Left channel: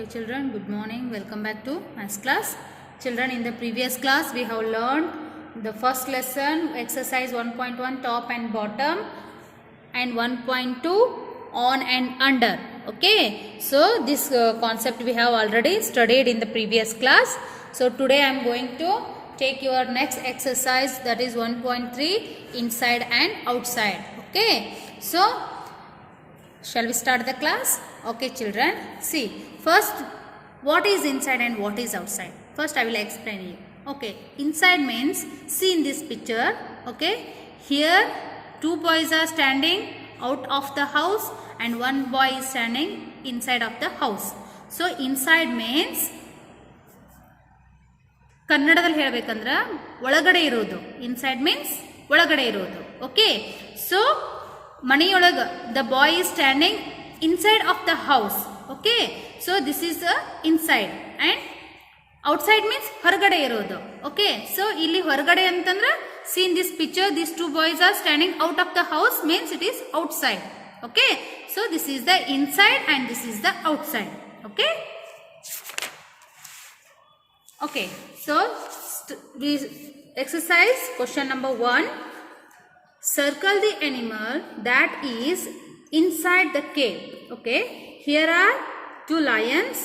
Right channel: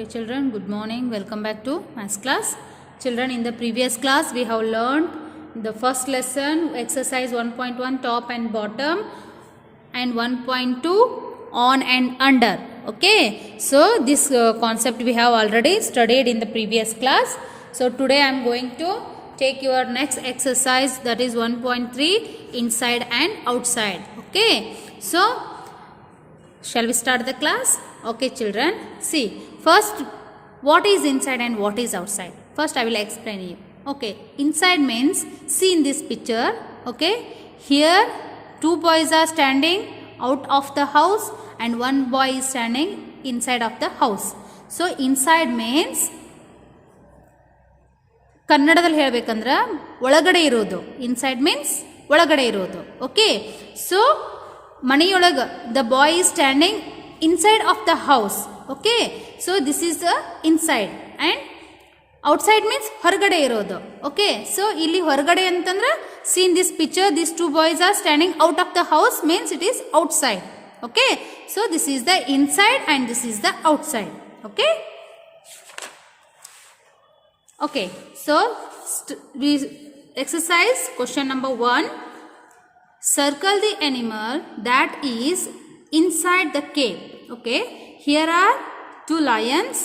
Okay, children, good morning. Welcome back to maths class. Children, in the previous class, we have learned the first lesson, exercise 1.1, top and bottom, and 1.2, on and under. Okay, so this concept we have already studied in the previous class. So today I am going to take your next exercise, that is 1.3, inside and outside. Okay, so shall we start the class? Okay, children, see, first what is inside and what is outside? First I will explain you. Okay, inside means, see in this picture, okay, here two boys are standing out of the house and one boy is standing inside of the house. So inside means, ಕನ್ನಡದಲ್ಲಿ ಹೇಳಬೇಕಂದ್ರೆ ಒಳಗಡೆ ಇರೋದು. Inside means ಒಳಗಡೆ ಇರೋದು. Okay, so ಮನೆಯೊಳಗೆ the boy is standing inside of the house. Okay, so this is the inside and outside means ಹೊರಗಡೆ ಇರೋದು. Okay, so ಇಲ್ಲಿ ಹೊರಗಡೆ ಅಂತಂದ್ರೆ C in this picture this two boys are standing out of the house means it is outside. Okay, so this is the inside and this is the outside. Okay, okay, so we exercise question number 1. Circle the animal that is inside the cave. Okay, here are two lions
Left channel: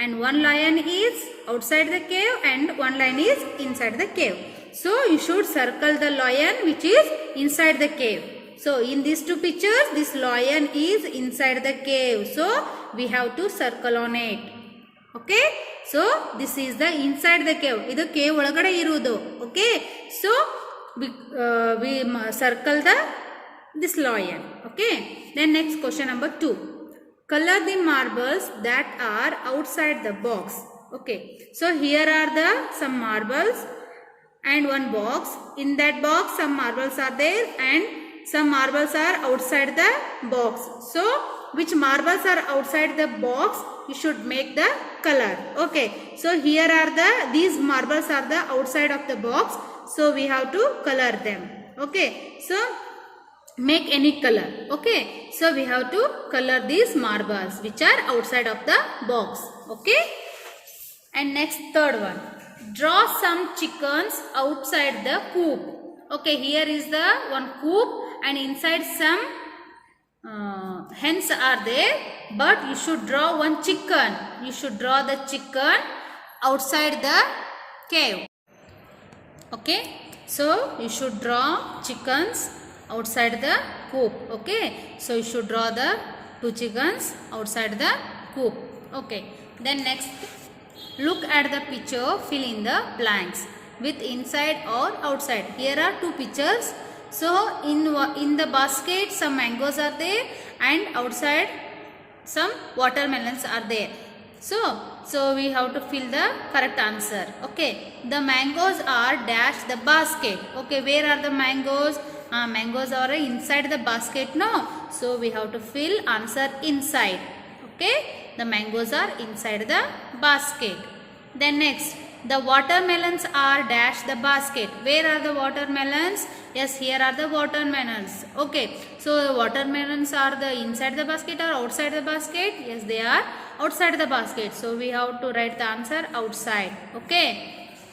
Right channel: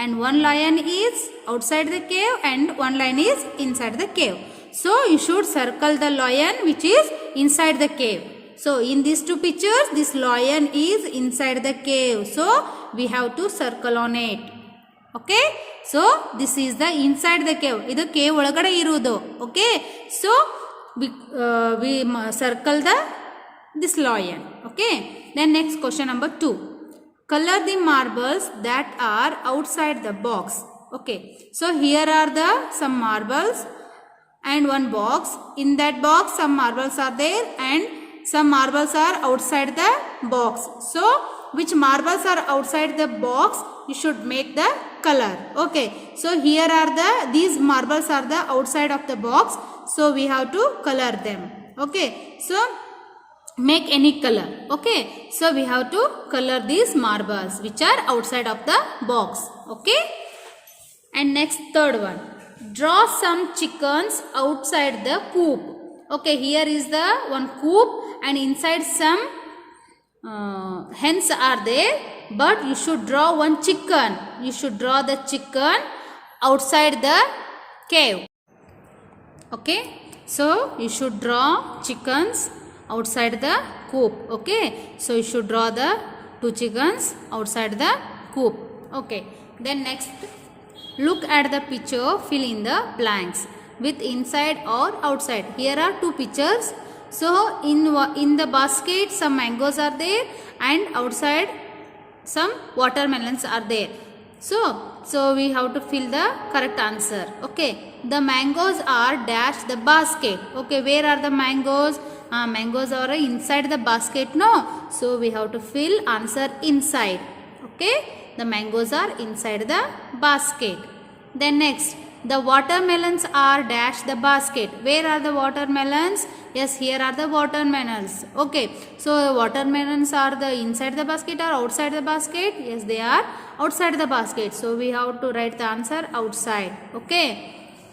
and one lion is outside the cave and one lion is inside the cave. So you should circle the lion which is inside the cave. So in these two pictures this lion is inside the cave, so we have to circle on it. Okay, so this is the inside the cave. Idu cave ಒಳಗಡೆ ಇರುವುದು. Okay, so we circle this lion. Okay, then next question number 2. Color the marbles that are outside the box. Okay, so here are the some marbles and one box. In that box some marbles are there and some marbles are outside the box. So which marbles are outside the box, you should make the color. Okay, so here are these marbles are the outside of the box, so we have to color them. Okay, so make any color. Okay, so we have to color these marbles which are outside of the box. Okay, and next third one, draw some chickens outside the coop. Okay, here is the one coop and inside some hens are there, but you should draw one chicken. You should draw the chicken outside the cave. Okay, so you should draw chickens outside the coop. Okay, so you should draw the two chickens outside the coop. Okay, then next, look at the picture, fill in the blanks with inside or outside. Here are two pictures. So in the basket some mangoes are there and outside some watermelons are there. So we have to fill the correct answer. Okay, the mangoes are dash the basket. Okay, where are the mangoes? Mangoes are inside the basket, no? So we have to fill answer inside. Okay, the mangoes are inside the basket. Then next, the watermelons are dash the basket. Where are the watermelons? Yes, here are the watermelons. Okay, so watermelons are the inside the basket or outside the basket? Yes, they are outside the basket. So we have to write the answer outside. Okay,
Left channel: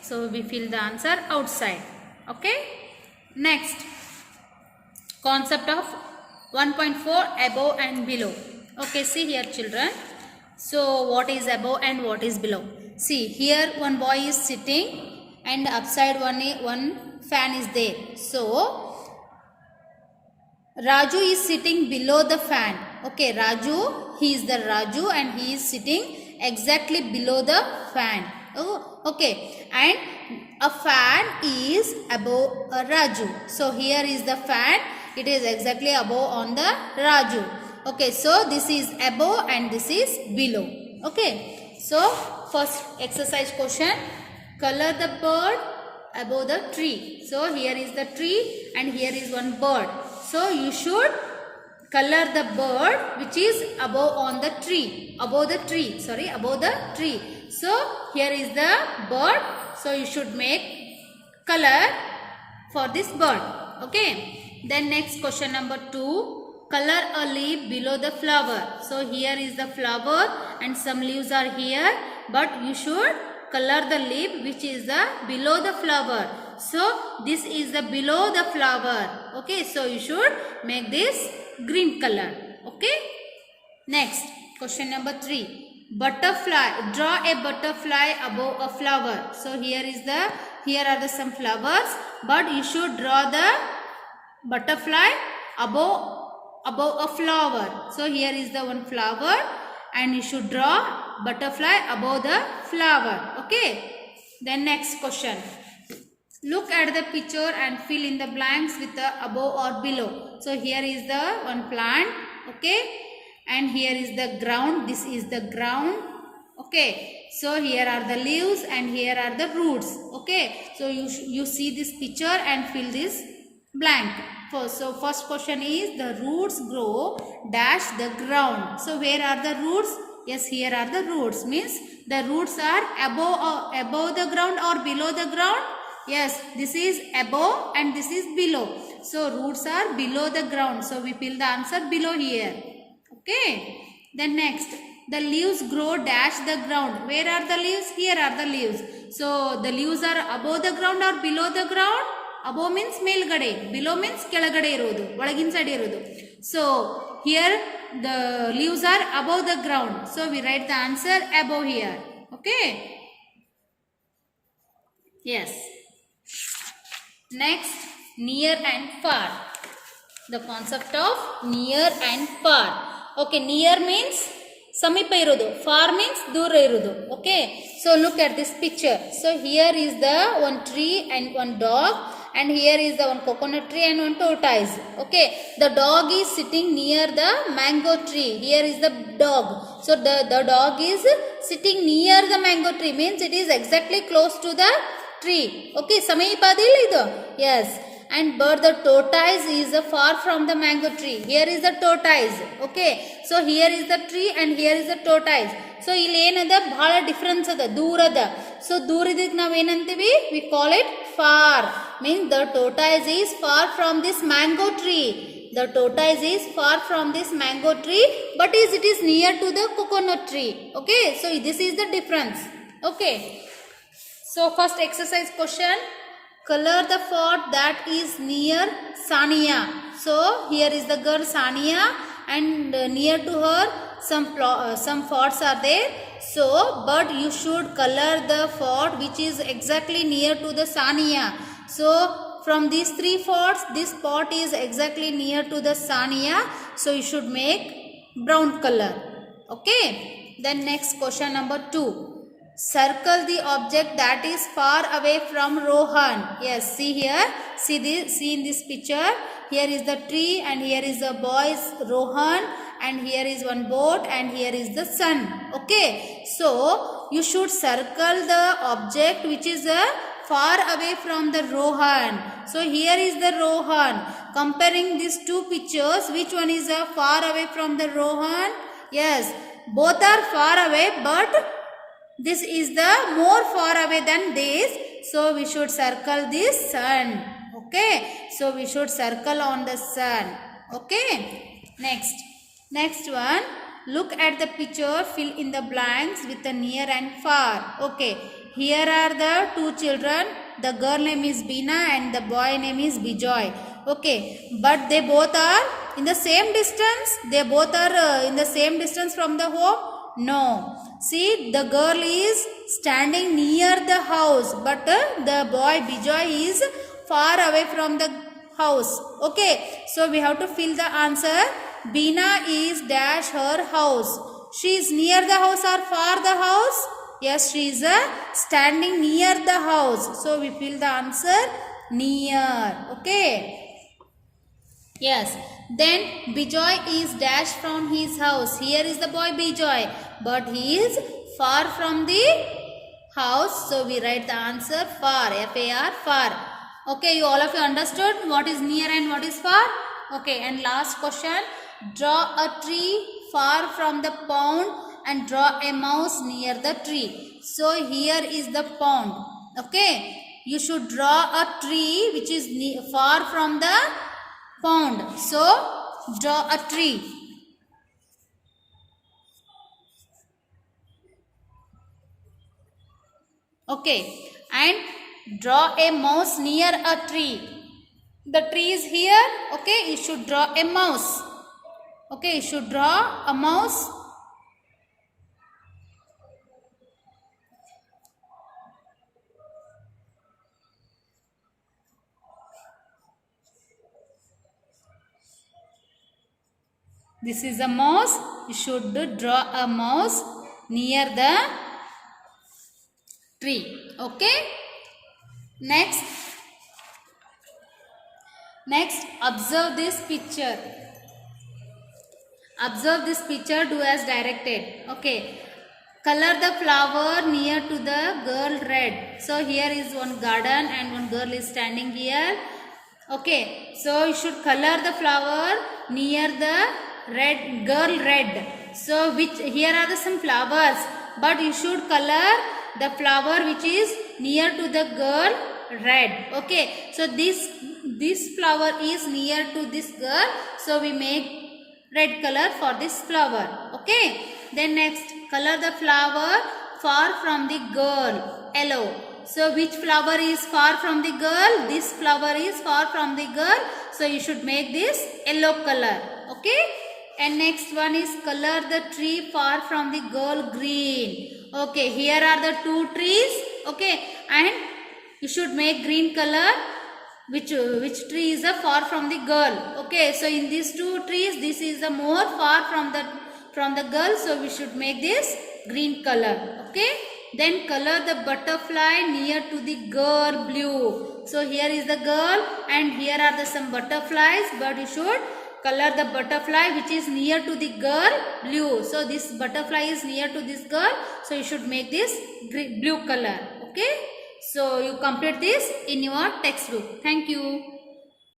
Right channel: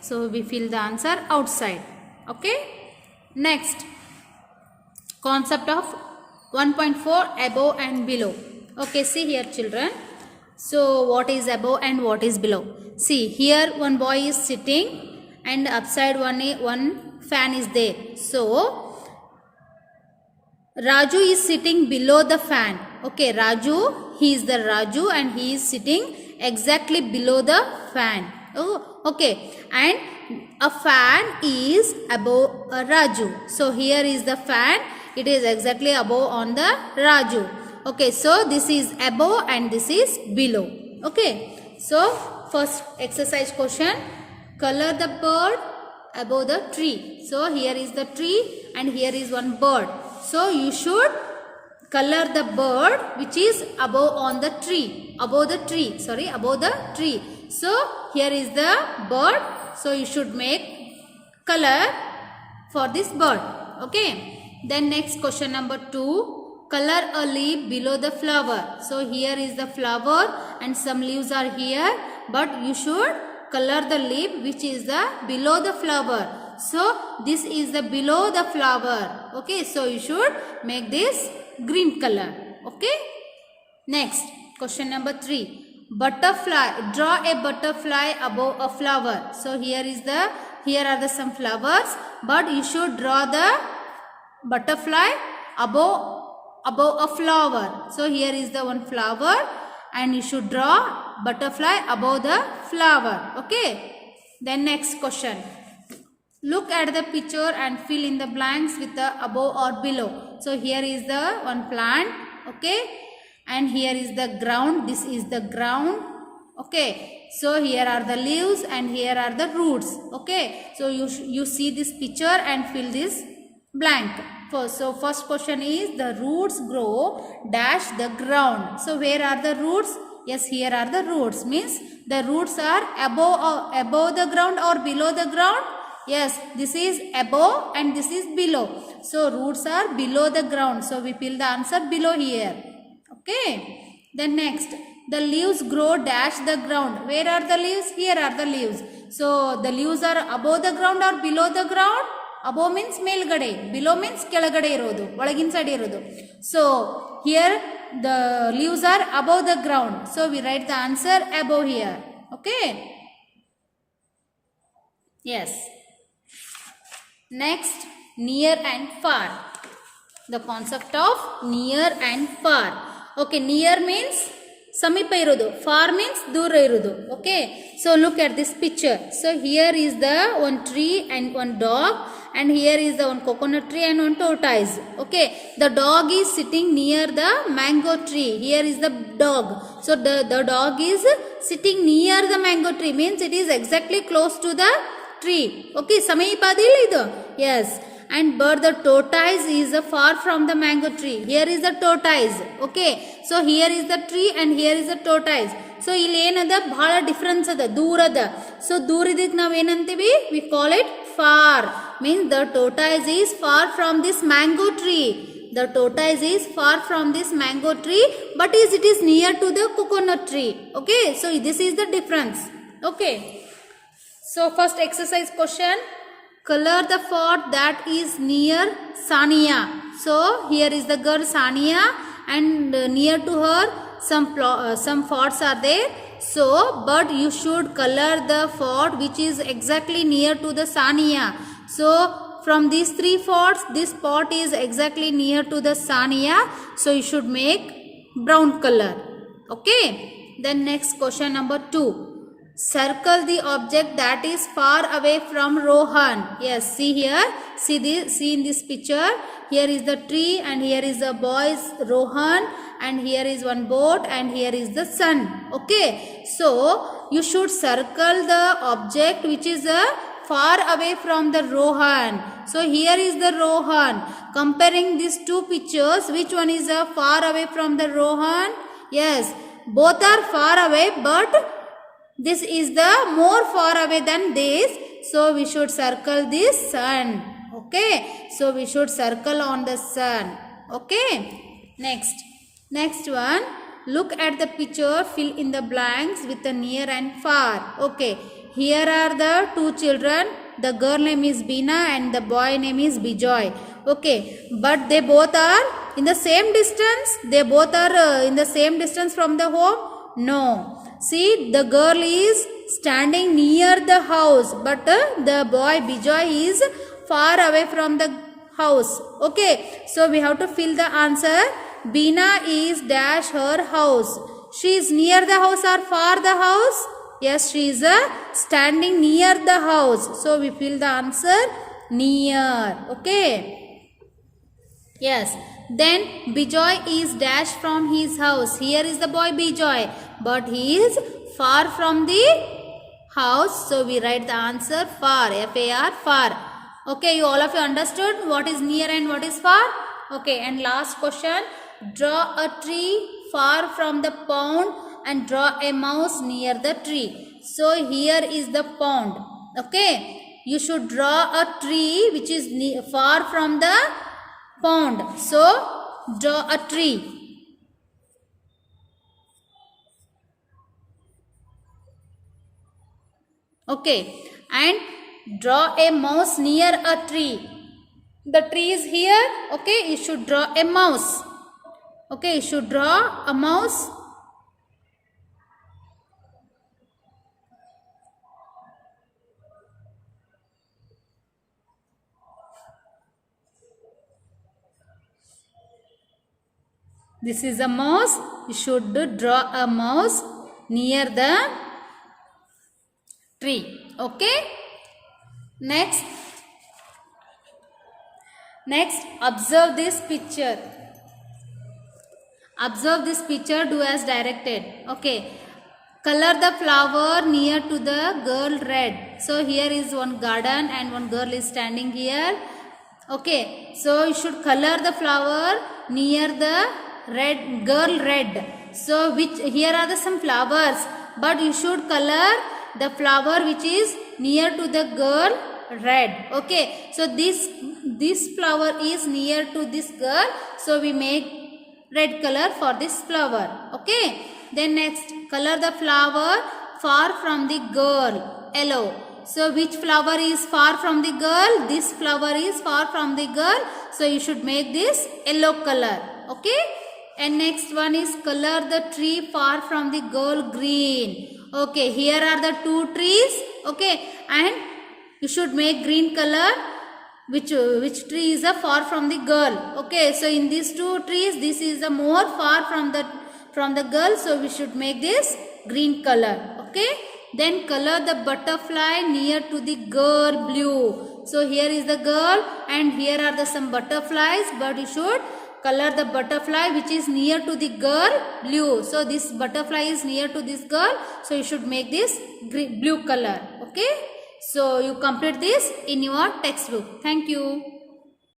so we fill the answer outside. Okay, next, concept of 1.4, above and below. Okay, see here children. So what is above and what is below? See, here one boy is sitting and upside one fan is there. So Raju is sitting below the fan. Okay, Raju, he is the Raju and he is sitting exactly below the fan. Oh, okay, and a fan is above Raju. So here is the fan, it is exactly above on the Raju. Okay, so this is above and this is below. Okay, so first exercise question, color the bird above the tree. So here is the tree and here is one bird. So you should color the bird which is above on the tree, above the tree. So here is the bird, so you should make color for this bird. Okay, then next question number 2, color a leaf below the flower. So here is the flower and some leaves are here, but you should color the leaf which is the below the flower. So this is the below the flower. Okay, so you should make this green color. Okay, next question number 3. Butterfly. Draw a butterfly above a flower. So here are the some flowers, but you should draw the butterfly above a flower. So here is the one flower and you should draw butterfly above the flower. Okay, then next question. Look at the picture and fill in the blanks with the above or below. So here is the one plant. Okay, and here is the ground. This is the ground. Okay, so here are the leaves and here are the roots. Okay, so you see this picture and fill this blank. So first question is the roots grow dash the ground. So where are the roots? Yes, here are the roots. Means the roots are above the ground or below the ground. Yes, this is above and this is below. So roots are below the ground. So we fill the answer below here. Okay. Then next, the leaves grow dash the ground. Where are the leaves? Here are the leaves. So the leaves are above the ground or below the ground? Above means ಮೇಲ್ಗಡೆ, below means ಕೆಳಗಡೆ ಇರೋದು, ಒಳಗಿನ side ಇರೋದು. So here the leaves are above the ground. So we write the answer above here. Okay. Yes. Next, near and far. The concept of near and far. Okay, near means ಸಮೀಪ ಇರೋದು, far means ದೂರ ಇರೋದು. Okay, so look at this picture. So here is the one tree and one dog, and here is the one coconut tree and one tortoise. Okay, the dog is sitting near the mango tree. Here is the dog. So the dog is sitting near the mango tree, means it is exactly close to the tree. Okay, ಸಮೀಪದಿಲ್ಲ ಇದು. Yes. And but the tortoise is far from the mango tree. Here is the tortoise. Okay, so here is the tree and here is the tortoise. So ಇಲ್ಲಿ ಏನದ ಬಹಳ difference ಅದ, ದೂರ ಅದ. So ದೂರ ಇದ್ದಿದ್ ನಾವ್ ಏನಂತೀವಿ? We call it far. Means the tortoise is far from this mango tree. The tortoise is far from this mango tree, but it is near to the coconut tree. Okay, so this is the difference. Okay, so first exercise question. Color the fort that is near Sania. So here is the girl Sania, and near to her some forts are there. So but you should color the fort which is exactly near to the Sania. So from these 3 forts, this spot is exactly near to the Sania. So you should make brown color. Okay. Then next question number 2. Circle the object that is far away from Rohan. Yes, see here. See in this picture. Here is the tree and here is the boy's Rohan, and here is one boat and here is the sun. Okay, so you should circle the object which is far away from the Rohan. So here is the Rohan. Comparing these 2 pictures, which one is far away from the Rohan? Yes, both are far away, but this is the more far away than this. So we should circle this sun. Okay, so we should circle on the sun. Okay, next one. Look at the picture, fill in the blanks with the near and far. Okay, here are the 2 children. The girl name is Beena and the boy name is Bijoy. Okay, but they both are in the same distance. They both are in the same distance from the home. No, see, the girl is standing near the house, but the boy Bijoy is far away from the house. Okay, so we have to fill the answer. Beena is dash her house. She is near the house or far the house? Yes, she is standing near the house. So we fill the answer near. Okay. Yes. Then Bijoy is dash from his house. Here is the boy Bijoy, but he is far from the house. So we write the answer far. F-A-R, far. Okay, you all of you understood what is near and what is far? Okay, and last question. Draw a tree far from the pond and draw a mouse near the tree. So here is the pond. Okay, you should draw a tree which is far from the pond. So draw a tree. Okay, and draw a mouse near a tree. The tree is here. Okay, you should draw a mouse. Okay, you should draw a mouse. This is a mouse. You should draw a mouse near the tree. Okay. Next, observe this picture. Observe this picture. Do as directed. Okay. Color the flower near to the girl red. So here is one garden and one girl is standing here. Okay. So you should color the flower near the red girl red. So here are some flowers, but you should color the flower which is near to the girl red. Okay. So this flower is near to this girl. So we make red color for this flower. Okay. Then next, color the flower far from the girl, yellow. So which flower is far from the girl? This flower is far from the girl. So you should make this yellow color. Okay. And next one is color the tree far from the girl, green. Okay. Here are the two trees. Okay. And you should make green color. Which tree is far from the girl? Okay. So in these two trees, this is more far from the girl, so we should make this green color. Okay. Then color the butterfly near to the girl, blue. So here is the girl and here are some butterflies, but you should color the butterfly which is near to the girl, blue. So this butterfly is near to this girl, so you should make this blue color. Okay. So you complete this in your textbook. Thank you.